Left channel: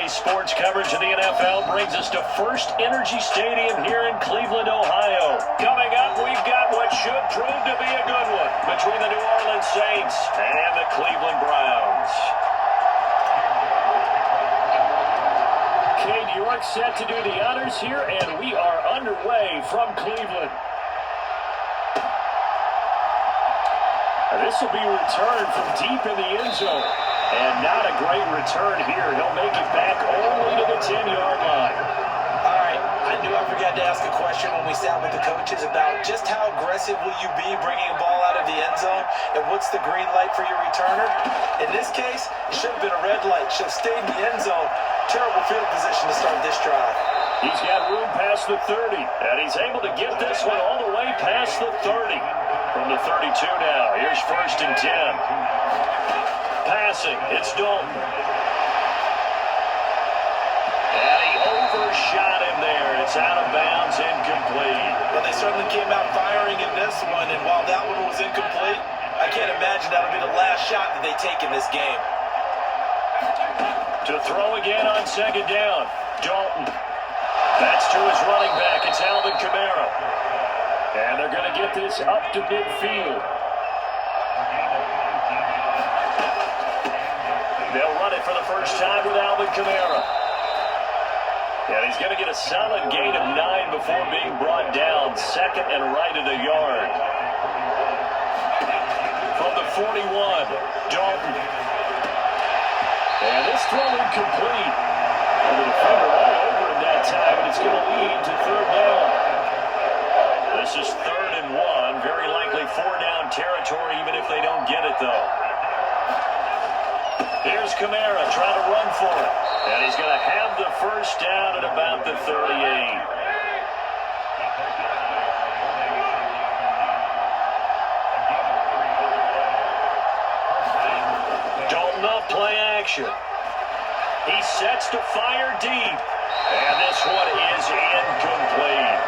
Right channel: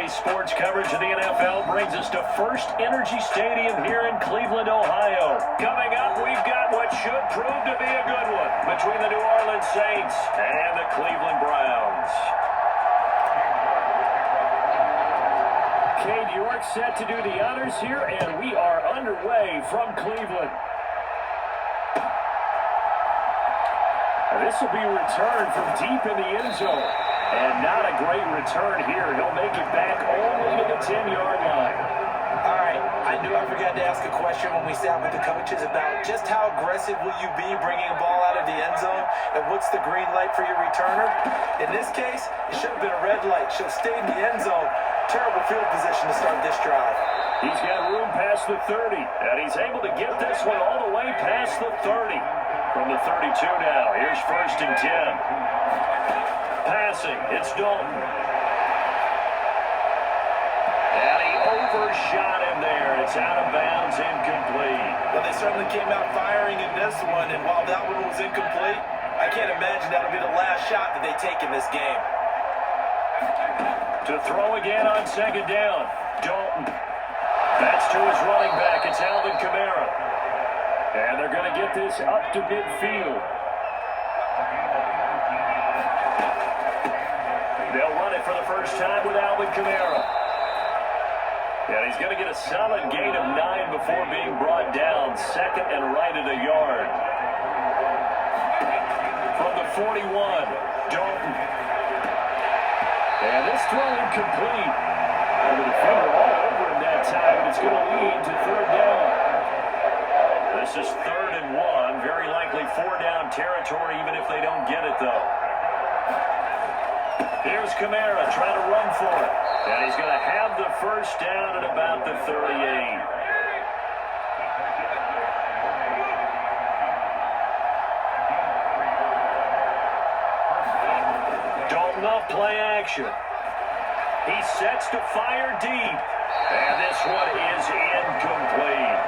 Today's sports coverage of the NFL brings us to First Energy Stadium here in Cleveland, Ohio. Coming up, we've got what should prove to be a good one between the New Orleans Saints and the Cleveland Browns. Cade York set to do the honors here, and we are underway from Cleveland. This will be returned from deep in the end zone. And not a great return here. He'll make it back only to the 10-yard line. All right, I knew I forgot to ask a question when we sat with the coaches about just how aggressive will you be bringing a ball out of the end zone, and what's the green light for your returner? In this case, it should have been a red light. Should have stayed in the end zone. Terrible field position to start this drive. He's got room past the 30, and he's able to get this one all the way past the 30. From the 32 now, here's 1st and 10. Passing, it's Dalton. And he overshot him there. It's out of bounds, incomplete. Well, they certainly came out firing in this one, and while that one was incomplete, I can't imagine that'll be the last shot that they take in this game. To throw again on 2nd down, Dalton. That's to his running back. It's Alvin Kamara. And they're going to get this up to midfield. They'll run it for the first time with Alvin Kamara. And he's going to get a solid gain of 9 before being brought down. 2nd and right at a yard. From the 41, Dalton. And this throw incomplete. And the defender all over him that time, and it's going to lead to 3rd down. This is 3rd and 1. Very likely 4-down territory, even if they don't get it, though. Here's Kamara trying to run for it. And he's going to have the first down at about the 38. Dalton off play action. He sets to fire deep. And this one is incomplete.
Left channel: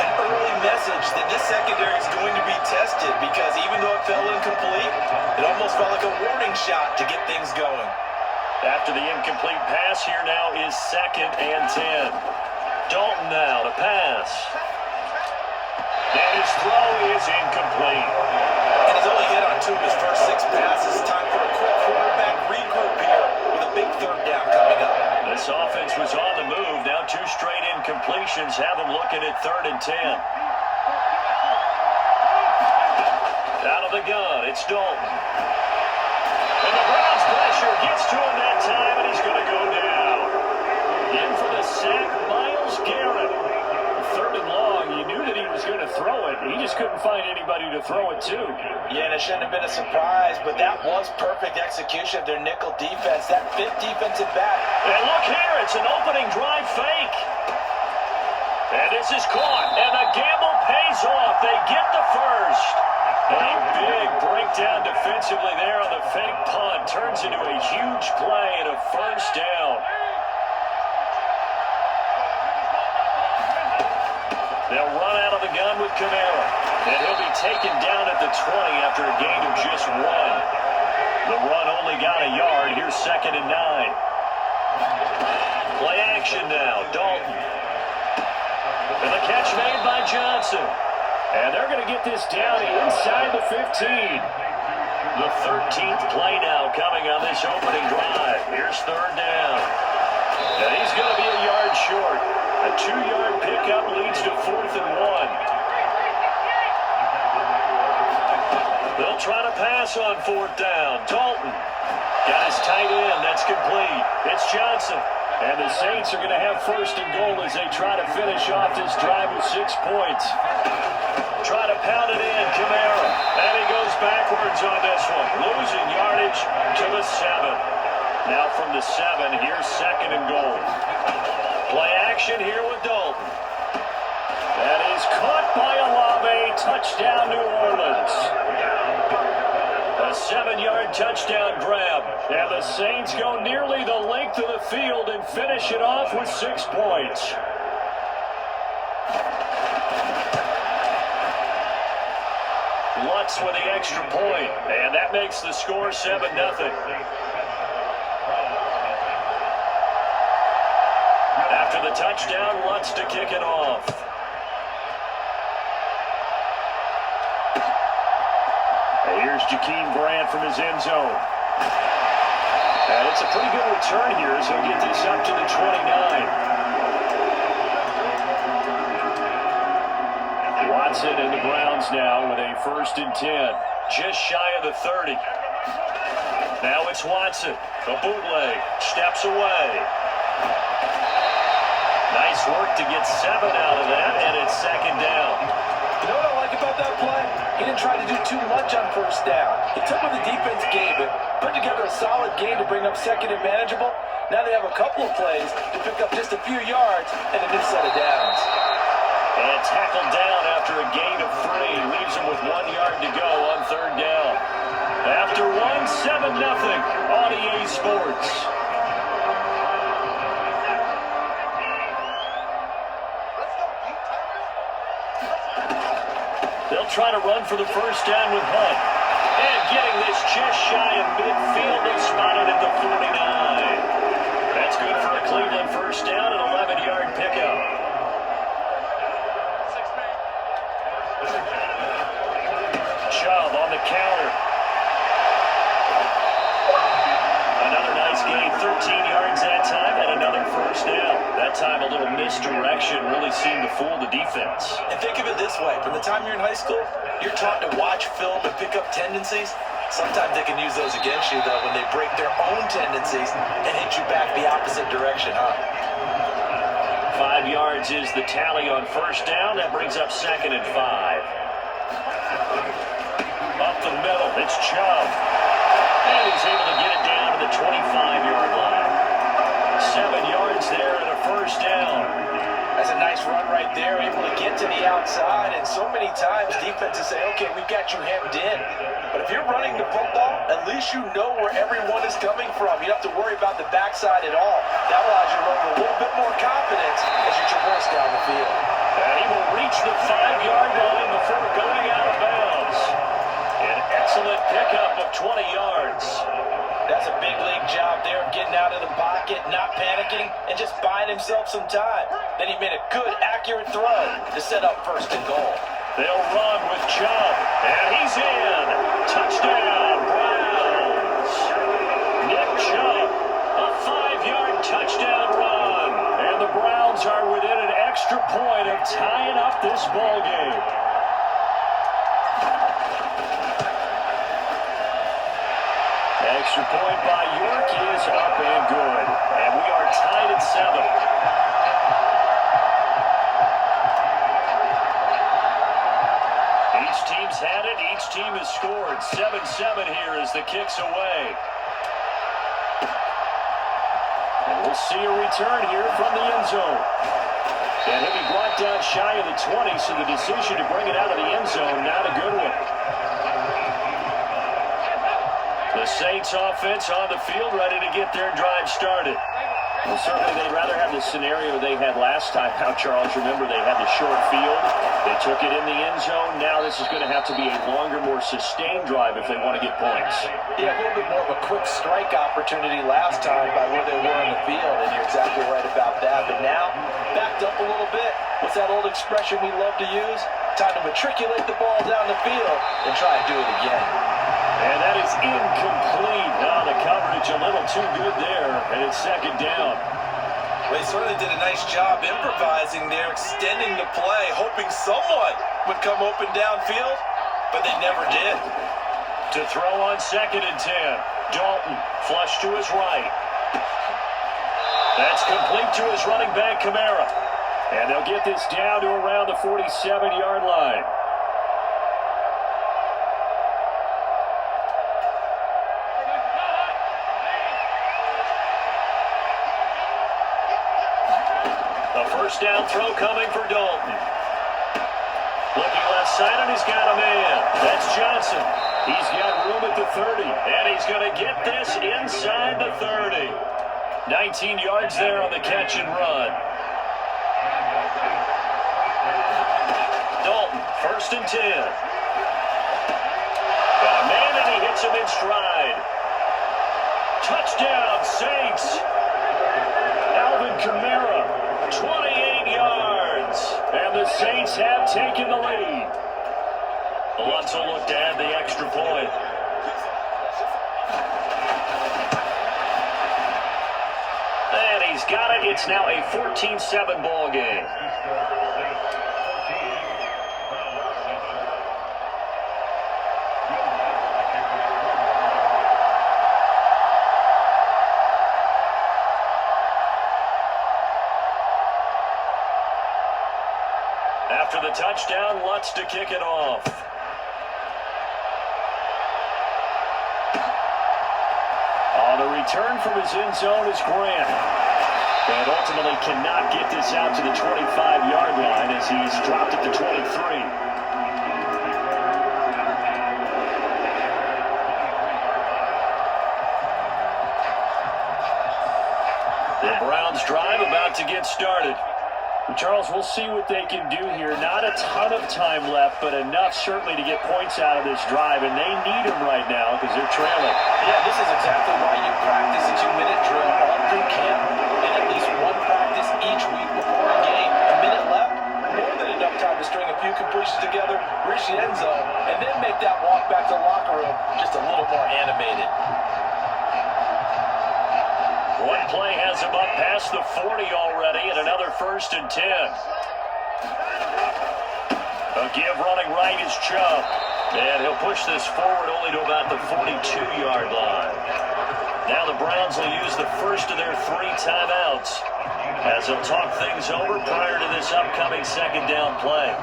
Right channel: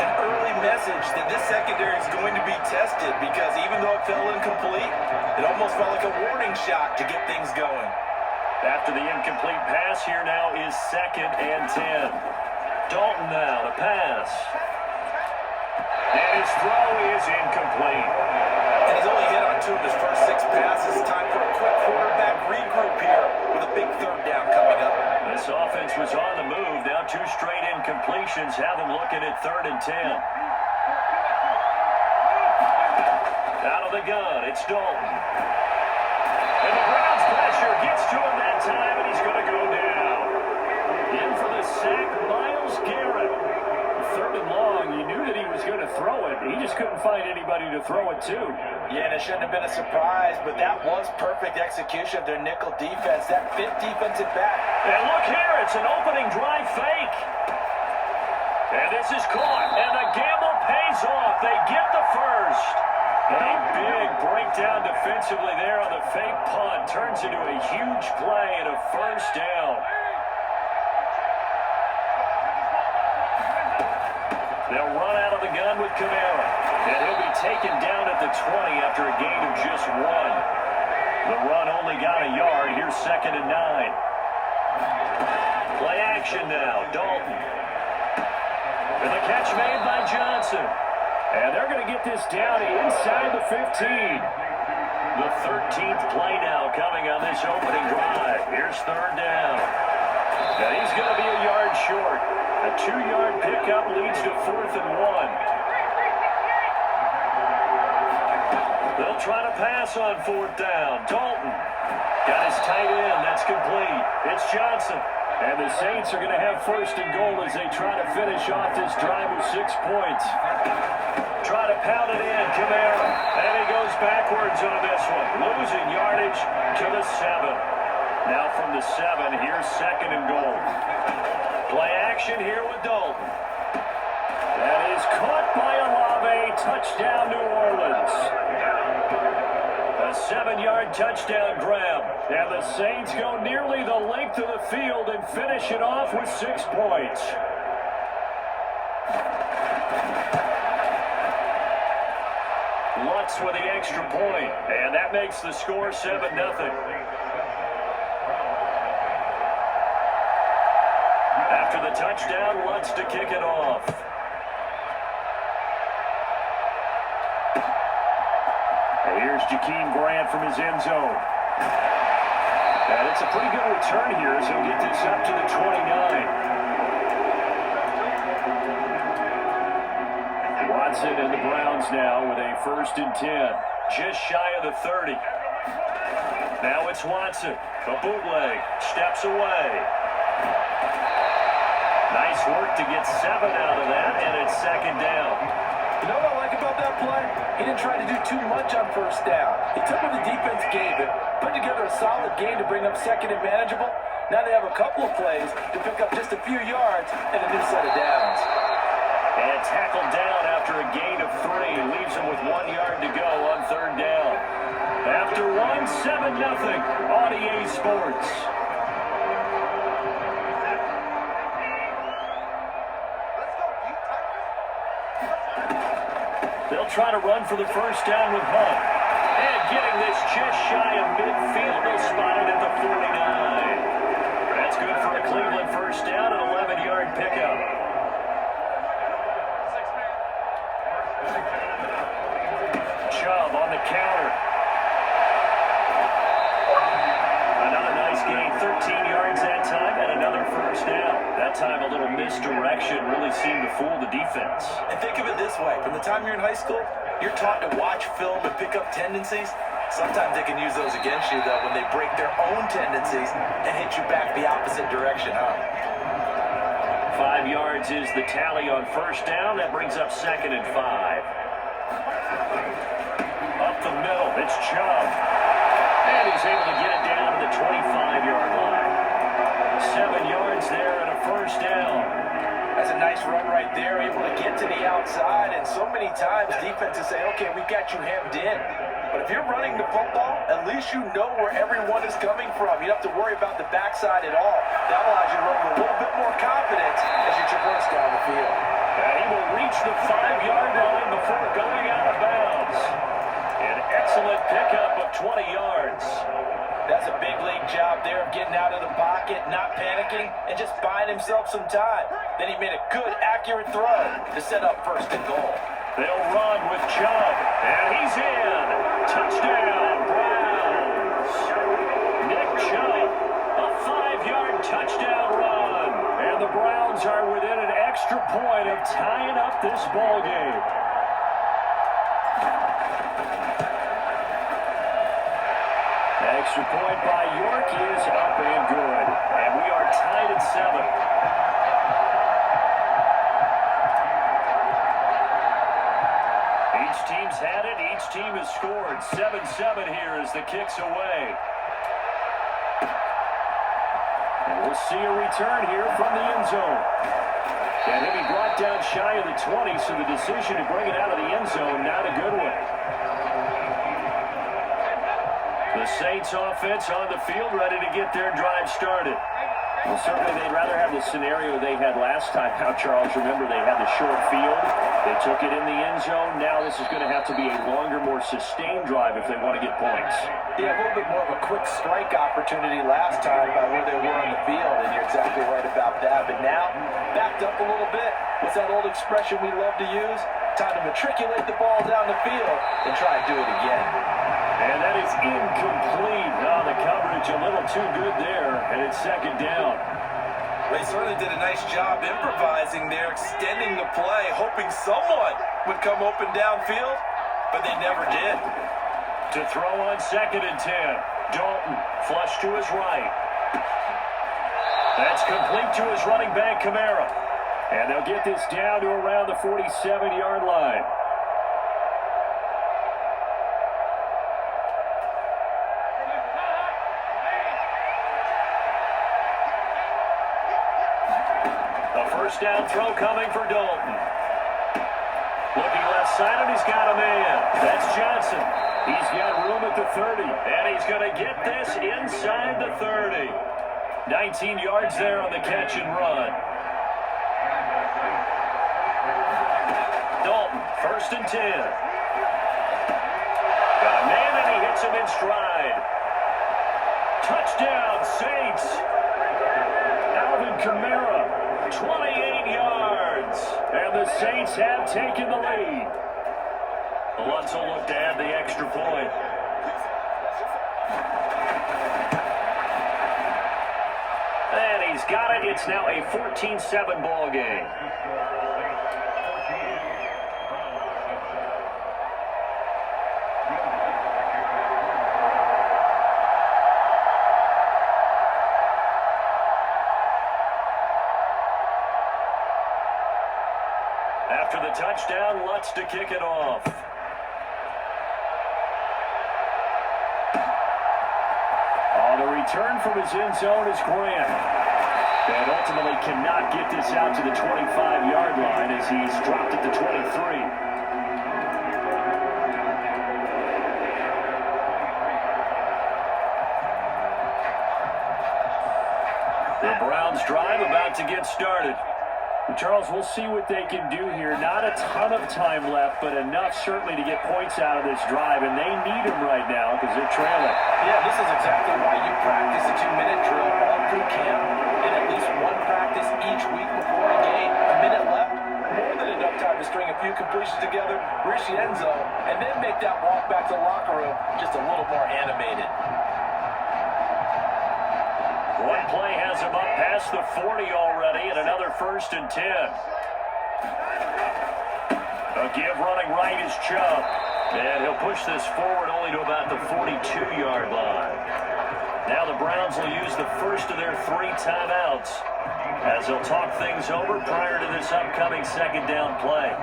An early message that this secondary is going to be tested, because even though it fell incomplete, it almost felt like a warning shot to get things going. After the incomplete pass, here now is 2nd and 10. Dalton now to pass. And his throw is incomplete. And he's only hit on 2 of his first 6 passes. Time for a quick quarterback regroup here with a big 3rd down coming up. This offense was on the move. Now 2 straight incompletions have them looking at 3rd and 10. Out of the gun, it's Dalton. And the Browns pressure gets to him that time, and he's going to go down. In for the sack, Myles Garrett. 3rd and long, you knew that he was going to throw it. He just couldn't find anybody to throw it to. Yeah, and it shouldn't have been a surprise, but that was perfect execution of their nickel defense. That 5th defensive back. And look here, it's an opening drive fake. And this is caught, and the gamble pays off. They get the first. A big breakdown defensively there on the fake punt. Turns into a huge play and a first down. They'll run out of the gun with Kamara. And he'll be taken down at the 20 after a gain of just 1. The run only got a yard. Here's 2nd and 9. Play action now. Dalton. And the catch made by Johnson. And they're going to get this down inside the 15. The 13th play now coming on this opening drive. Here's 3rd down. And he's going to be a yard short. A 2-yard pickup leads to 4th and 1. They'll try to pass on 4th down. Dalton got his tight end. That's complete. It's Johnson. And the Saints are going to have 1st and goal as they try to finish off this drive with 6 points. Try to pound it in, Kamara. And he goes backwards on this one. Losing yardage to the 7. Now from the 7, here's 2nd and goal. Play action here with Dalton. That is caught by Olave. Touchdown, New Orleans. A 7-yard touchdown grab. And the Saints go nearly the length of the field and finish it off with 6 points. Lutz with the extra point, and that makes the score 7-0. After the touchdown, Lutz to kick it off. Here's Jakeem Grant from his end zone. And it's a pretty good return here as he'll get this up to the 29. Watson and the Browns now with a 1st and 10. Just shy of the 30. Now it's Watson. A bootleg. Steps away. Nice work to get 7 out of that, and it's 2nd down. You know what I like about that play? He didn't try to do too much on 1st down. He took what the defense gave him, put together a solid game to bring up 2nd and manageable. Now they have a couple of plays to pick up just a few yards and a new set of downs. And tackled down after a gain of 3. Leaves him with 1 yard to go on 3rd down. After 1, 7-0 on EA Sports. They'll try to run for the 1st down with Hunt. And getting this just shy of midfield, they'll spot it at the 49. That's good for a Cleveland 1st down, an 11-yard pickup. Chubb on the counter. Another nice gain, 13 yards that time, and another 1st down. That time a little misdirection really seemed to fool the defense. And think of it this way. From the time you're in high school, you're taught to watch film and pick up tendencies. Sometimes they can use those against you, though, when they break their own tendencies and hit you back the opposite direction, huh? 5 yards is the tally on 1st down. That brings up 2nd and 5. Up the middle, it's Chubb. And he's able to get it down to the 25-yard line. 7 yards there and a 1st down. That's a nice run right there, able to get to the outside. And so many times defenses say, okay, we've got you hemmed in. But if you're running the football, at least you know where everyone is coming from. You don't have to worry about the backside at all. That allows you to run with a little bit more confidence as you traverse down the field. And he will reach the 5-yard line before going out of bounds. An excellent pickup of 20 yards. That's a big league job there of getting out of the pocket, not panicking, and just buying himself some time. Then he made a good, accurate throw to set up 1st and goal. They'll run with Chubb, and he's in. Touchdown, Browns. Nick Chubb, a 5-yard touchdown run. And the Browns are within an extra point of tying up this ball game. Extra point by York is up and good. And we are tied at 7. Each team's had it. Each team has scored. 7-7 here as the kick's away. And we'll see a return here from the end zone. And he'll be brought down shy of the 20, so the decision to bring it out of the end zone, not a good one. The Saints offense on the field, ready to get their drive started. Well, certainly they'd rather have the scenario they had last time out, Charles. Remember, they had the short field. They took it in the end zone. Now this is going to have to be a longer, more sustained drive if they want to get points. Yeah, a little bit more of a quick strike opportunity last time by where they were on the field, and you're exactly right about that. But now, backed up a little bit. What's that old expression we love to use? Time to matriculate the ball down the field and try and do it again. And that is incomplete. Oh, the coverage a little too good there, and it's 2nd down. They certainly did a nice job improvising there, extending the play, hoping someone would come open downfield, but they never did. To throw on 2nd and 10. Dalton, flush to his right. That's complete to his running back, Kamara. And they'll get this down to around the 47-yard line. A 1st down throw coming for Dalton. Looking left side, and he's got a man. That's Johnson. He's got room at the 30, and he's going to get this inside the 30. 19 yards there on the catch and run. Dalton, 1st and 10. Got a man, and he hits him in stride. Touchdown, Saints. Alvin Kamara. 28 yards. And the Saints have taken the lead. Lutz will look to add the extra point. And he's got it. It's now a 14-7 ball game. After the touchdown, Lutz to kick it off. On the return from his end zone is Grant. And ultimately cannot get this out to the 25-yard line as he's dropped at the 23. The Browns drive about to get started. Charles, we'll see what they can do here. Not a ton of time left, but enough certainly to get points out of this drive, and they need them right now because they're trailing. Yeah, this is exactly why you practice a 2-minute drill all through camp and at least one practice each week before a game. A minute left, more than enough time to string a few completions together, reach the end zone, and then make that walk back to the locker room just a little more animated. One play has him up past the 40 already, and another 1st and 10. A give running right is Chubb. And he'll push this forward only to about the 42-yard line. Now the Browns will use the first of their 3 timeouts as they'll talk things over prior to this upcoming second down play.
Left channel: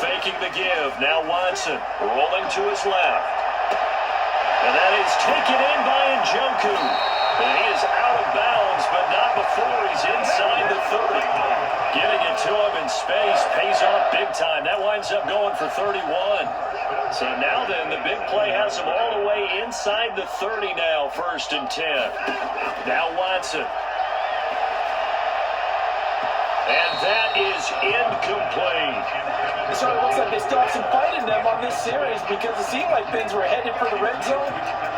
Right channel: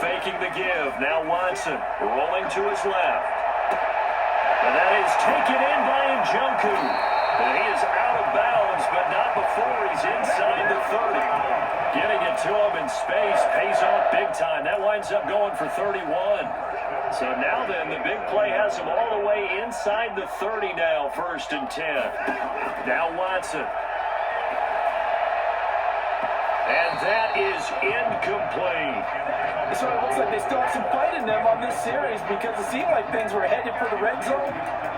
Faking the give. Now Watson rolling to his left. And that is taken in by Njoku. And he is out of bounds, but not before he's inside the 30. Getting it to him in space pays off big time. That winds up going for 31. So now then, the big play has him all the way inside the 30 now, 1st and 10. Now Watson. And that is incomplete. It sort of looks like they still have some fight in them on this series because it seemed like things were headed for the red zone.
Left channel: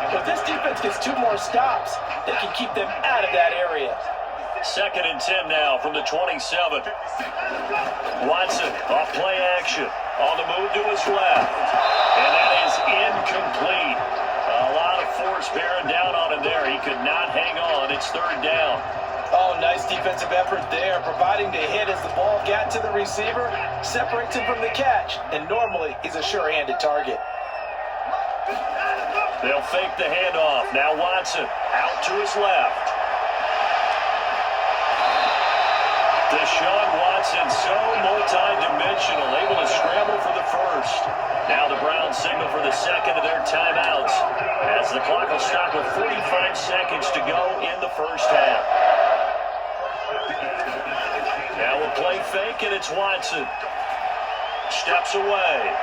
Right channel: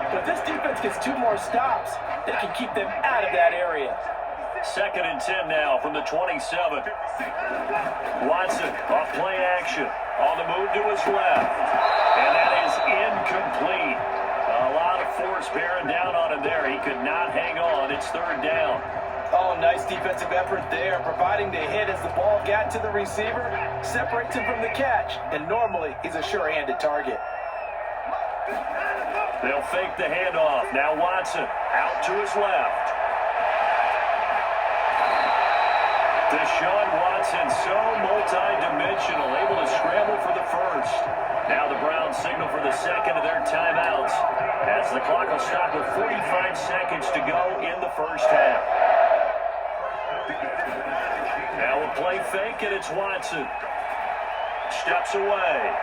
If this defense gets 2 more stops, they can keep them out of that area. 2nd and 10 now from the 27. Watson off play action. On the move to his left. And that is incomplete. A lot of force bearing down on him there. He could not hang on. It's 3rd down. Oh, nice defensive effort there, providing the hit as the ball got to the receiver, separates him from the catch, and normally he's a sure-handed target. They'll fake the handoff. Now Watson out to his left. Deshaun Watson, so multi-dimensional, able to scramble for the first. Now the Browns signal for the second of their timeouts as the clock will stop with 45 seconds to go in the first half. Now we'll play fake, and it's Watson. Steps away.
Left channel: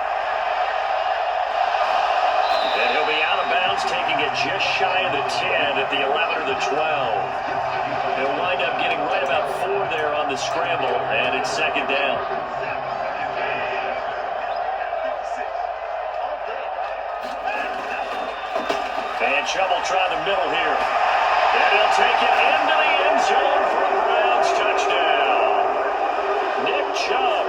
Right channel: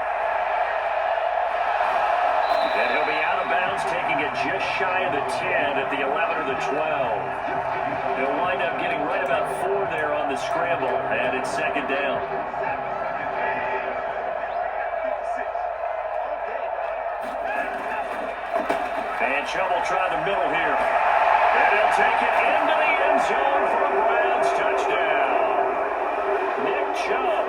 And he'll be out of bounds, taking it just shy of the 10 at the 11 or the 12. He'll wind up getting right about 4 there on the scramble, and it's 2nd down. And Chubb will try the middle here. And he'll take it into the end zone for a Browns touchdown. Nick Chubb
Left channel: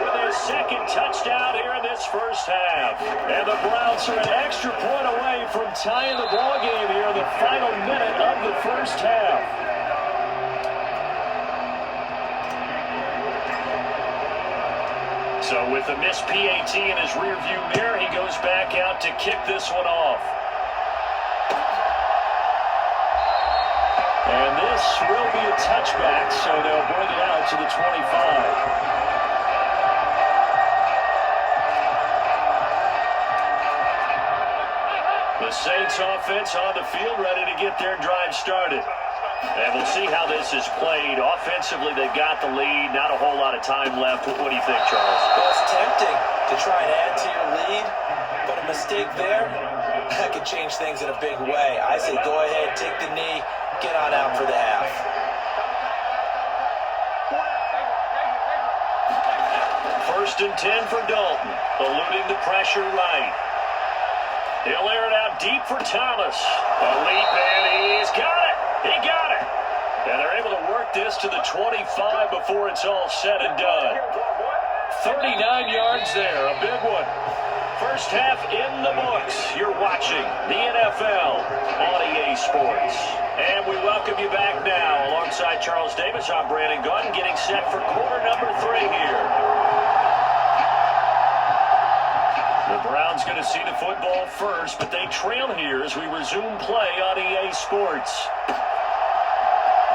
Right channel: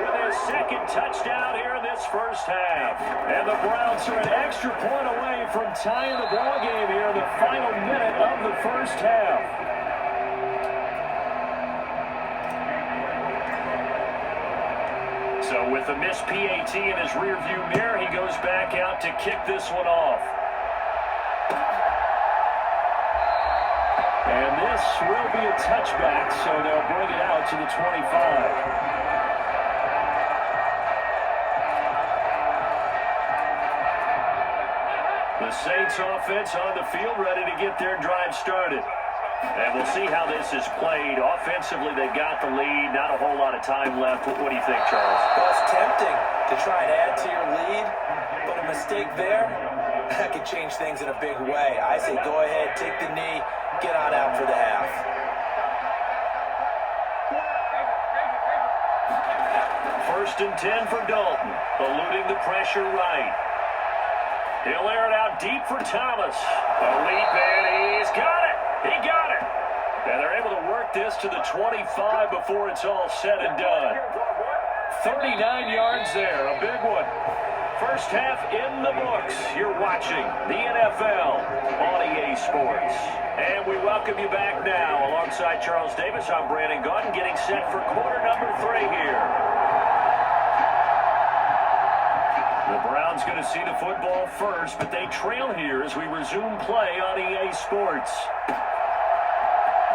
with his 2nd touchdown here in this first half. And the Browns are an extra point away from tying the ball game here in the final minute of the first half. So with a missed PAT in his rearview mirror, he goes back out to kick this one off. And this will be a touchback, so they'll bring it out to the 25. The Saints offense on the field, ready to get their drive started. And we'll see how this is played. Offensively, they've got the lead. Not a whole lot of time left. What do you think, Charles? Well, it's tempting to try and add to your lead, but a mistake there, that could change things in a big way. I say go ahead, take the knee, get on out for the half. First and 10 for Dalton, eluding the pressure right. He'll air it out deep for Thomas. A leap, and he's got it. He got it. And they're able to work this to the 25 before it's all said and done. 39 yards there, a big one. First half in the books. You're watching the NFL on EA Sports. And we welcome you back now. Alongside Charles Davis, I'm Brandon Gaudin, getting set for quarter number 3 here. The Browns going to see the football first, but they trail here as we resume play on EA Sports.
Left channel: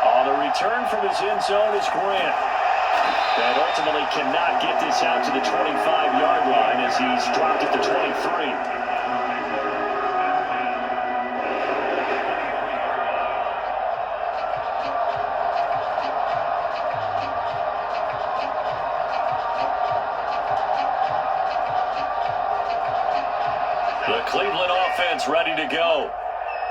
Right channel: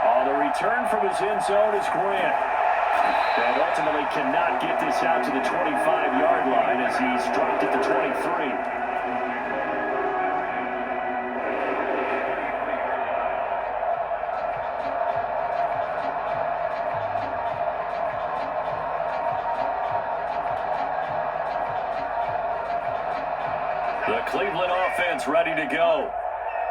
On the return from his end zone is Grant. And ultimately cannot get this out to the 25-yard line as he's dropped at the 23. The Cleveland offense ready to go.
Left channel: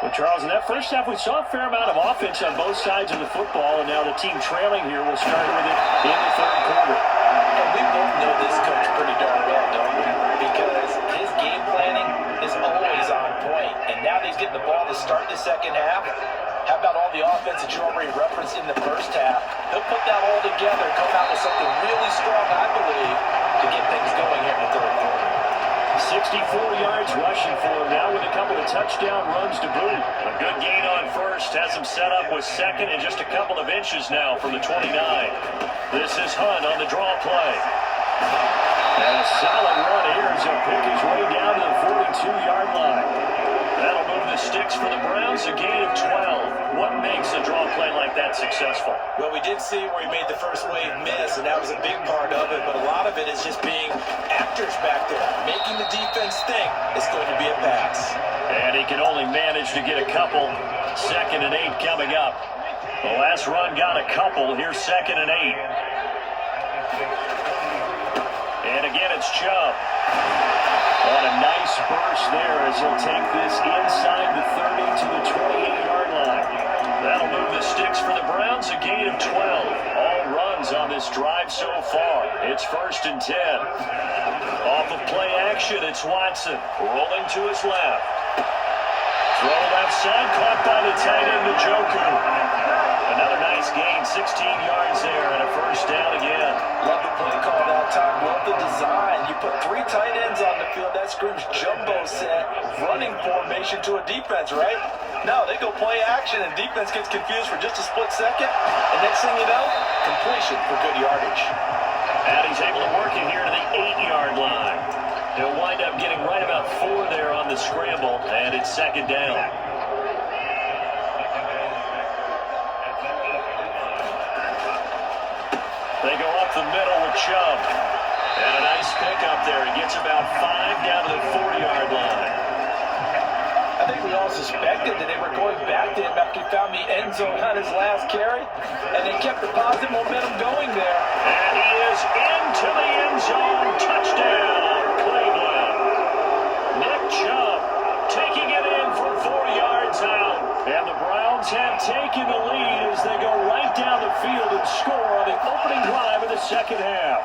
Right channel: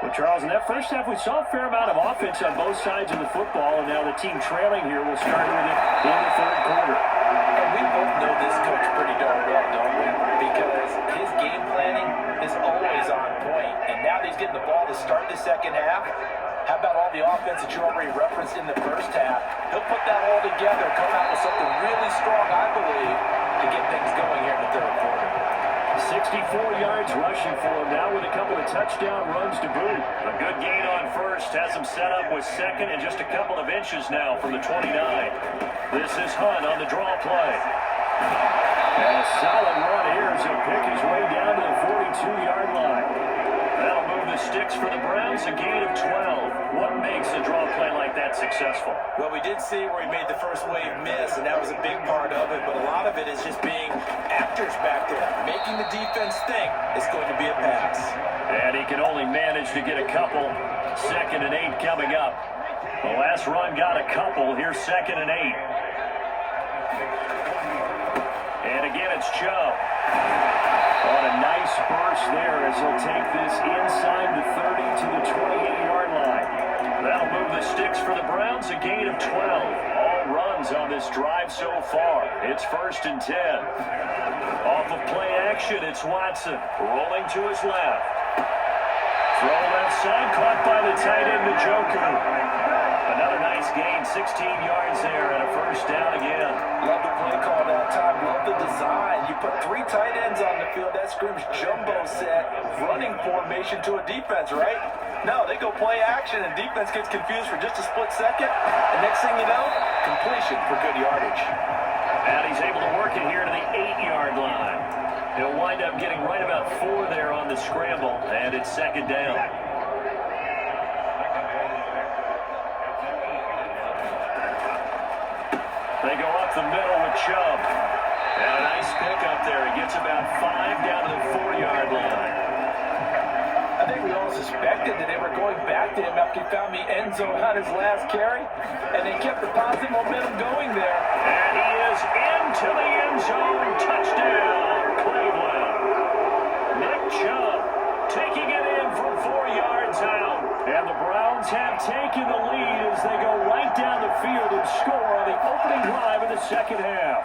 Well, Charles, in that first half, we saw a fair amount of offense on both sides of the football, and now the team trailing here will start with it in the third quarter. And we both know this coach pretty darn well, don't we? Because his game planning is always on point. And now that he's getting the ball to start the second half, how about all the offense that you already referenced in the first half? He'll put that all together, come out with something really strong, I believe, to get things going here in the third quarter. 64 yards rushing for him now with a couple of touchdown runs to boot. A good gain on first has him set up with second and just a couple of inches now from the 29. This is Hunt on the draw play. And a solid run here as he'll pick his way down to the 42-yard line. That'll move the sticks for the Browns, a gain of 12. What makes a draw play like that successful? Well, we did see where he made the first wave miss, and that was a big part of it, but a lot of it is just being actors back there, making the defense think it's going to be a pass. And he can only manage to get a couple. 2nd and 8 coming up. The last run got a couple. Here's 2nd and 8. And again, it's Chubb. On a nice burst there as he'll take this inside the 30 to the 28-yard line. That'll move the sticks for the Browns, a gain of 12. All runs on this drive so far. It's 1st and 10. Off of play action, it's Watson rolling to his left. Throw left side, caught by the tight end, Njoku. Another nice gain, 16 yards there, and a 1st down again. Love the play call that time. Love the design. You put 3 tight ends on the field. That screams jumbo set, running formation to a defense, right? No, they go play action, and defense gets confused for just a split second. And next thing you know, completion for good yardage. And he's able to work it here to the 8-yard line. He'll wind up getting right about 4 there on the scramble, and it's 2nd down. They go up the middle with Chubb. And a nice pickup there. He gets about 5 down to the 4-yard line. I think we all suspected that they were going back to him after he found the end zone on his last carry. And they kept the positive momentum going there. And he is into the end zone. Touchdown, Cleveland. Nick Chubb taking it in from 4 yards out. And the Browns have taken the lead as they go right down the field and score on the opening drive of the second half.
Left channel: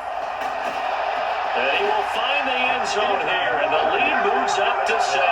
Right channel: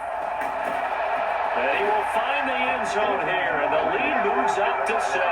And he will find the end zone here, and the lead moves up to 7.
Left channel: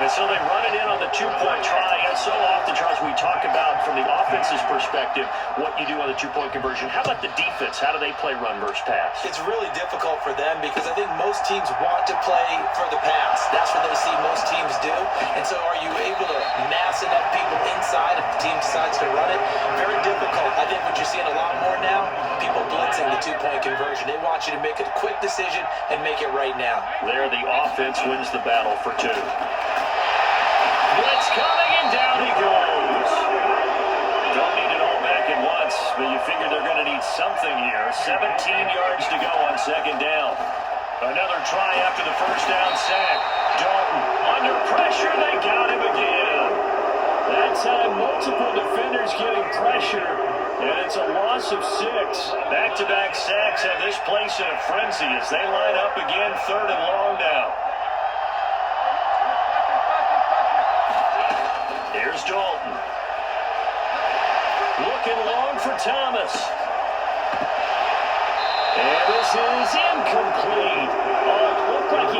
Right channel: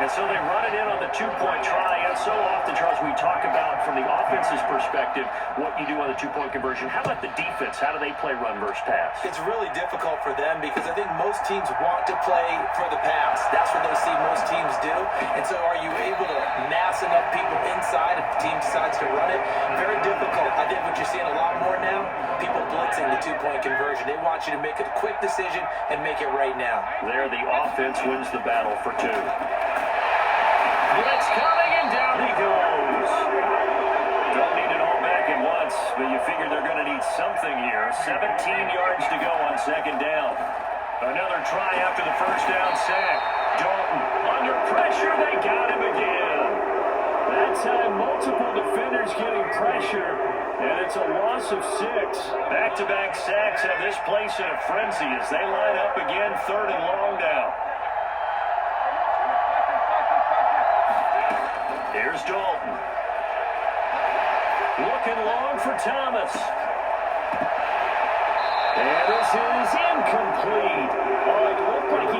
And so they run it in on the 2-point try. And so often, Charles, we talk about from the offense's perspective what you do on the 2-point conversion. How about the defense? How do they play run versus pass? It's really difficult for them because I think most teams want to play for the pass. That's what they see most teams do. And so are you able to mass enough people inside if the team decides to run it? Very difficult. I think what you're seeing a lot more now, people blitzing the 2-point conversion. They want you to make a quick decision and make it right now. There, the offense wins the battle for 2. Blitz coming, and down he goes. Don't need it all back at once, but you figure they're going to need something here. 17 yards to go on 2nd down. Another try after the 1st down sack. Dalton under pressure. They got him again. That time, multiple defenders getting pressure, and it's a loss of 6. Back-to-back sacks have this place in a frenzy as they line up again, 3rd and long now. Here's Dalton. Looking long for Thomas. And this is incomplete. Oh, it looked like he